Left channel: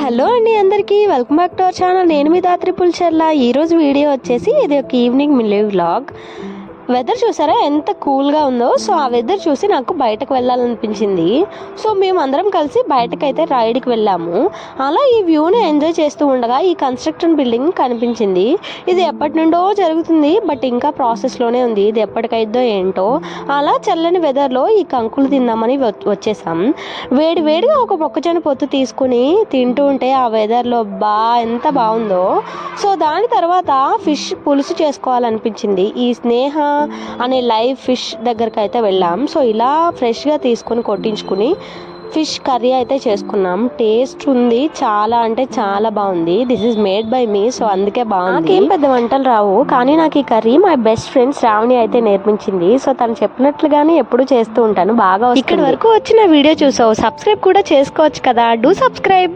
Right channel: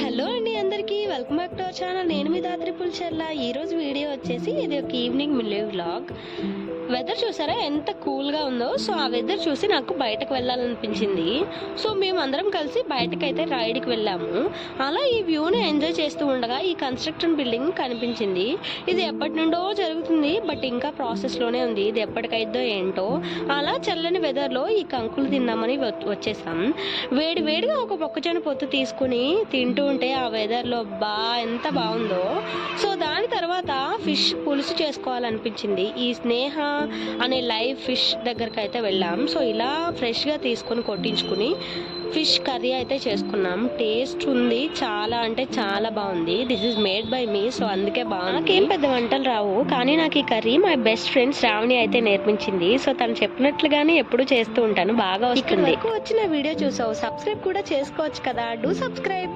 Hello అండి అందరికీ welcome back to our channel. నేను మీ దాత్రి పుల్చర్ల ఈరోజు వీడియో వచ్చేసి ఇది ఒక ఈవినింగ్ మిల్లీ వ్లాగ్. వెదర్ చూసారా? ఎంత కూల్గా ఉందో. సో ఆ వెదర్ చూసి నాకు బయటకు వెళ్ళాలనిపించింది. సో మేము అందరం కలిసి బయటకైతే రైడ్కి వెళ్ళాము. అలా ఈ వ్యూని ఎంజాయ్ చేస్తూ ఉండగా ఈ కన్స్ట్రక్షన్ బిల్డింగ్ కనిపించింది. ఇది ఎప్పటి నుండో జరుగుతుంది బట్ ఇంకా ప్రాసెస్లోనే ఉంది. ఇది ఎప్పటికైద్దో ఏంటో. అలా చల్లని వెదర్లో ఈ కంకులు తిందామని వ- వచ్చేసాం. వేడి వేడిగా ఒక మొక్కజొన్న పొత్తు తీసుకుని తింటూ ఉంటే ఆ వెదర్లో బా ఎంత బాగుందో. సో దాని తర్వాత ఫిష్ పులుసు చేసుకోవాలనిపించింది. ఈ స్నేహ అనే లైవ్ ఫిష్ దగ్గరికి అయితే వెళ్ళాం. సో ఇలా ఫ్రెష్గా తీసుకుని కొట్టించుకుని ఫిష్ కర్రీ అయితే చేసుకున్నాం. టేస్ట్ ఉంది. చాలా అంటే చాలా బాగుంది. This is made by me so అందుకే బాగుంది. నాకేం పెద్ద వంటలు రావు కానీ నాకు ఈ curry my best friend Sravani అయితే నేర్పించింది. సో తను చెప్పినట్లుగానే ఎప్పుడు చేస్తూ ఉంటాను. బాగా ఇక్కడ వరకు వచ్చిన వీడియో చూసావు. సబ్స్క్రైబ్ కూడా చేసుకోవచ్చు కదా. Do subscribe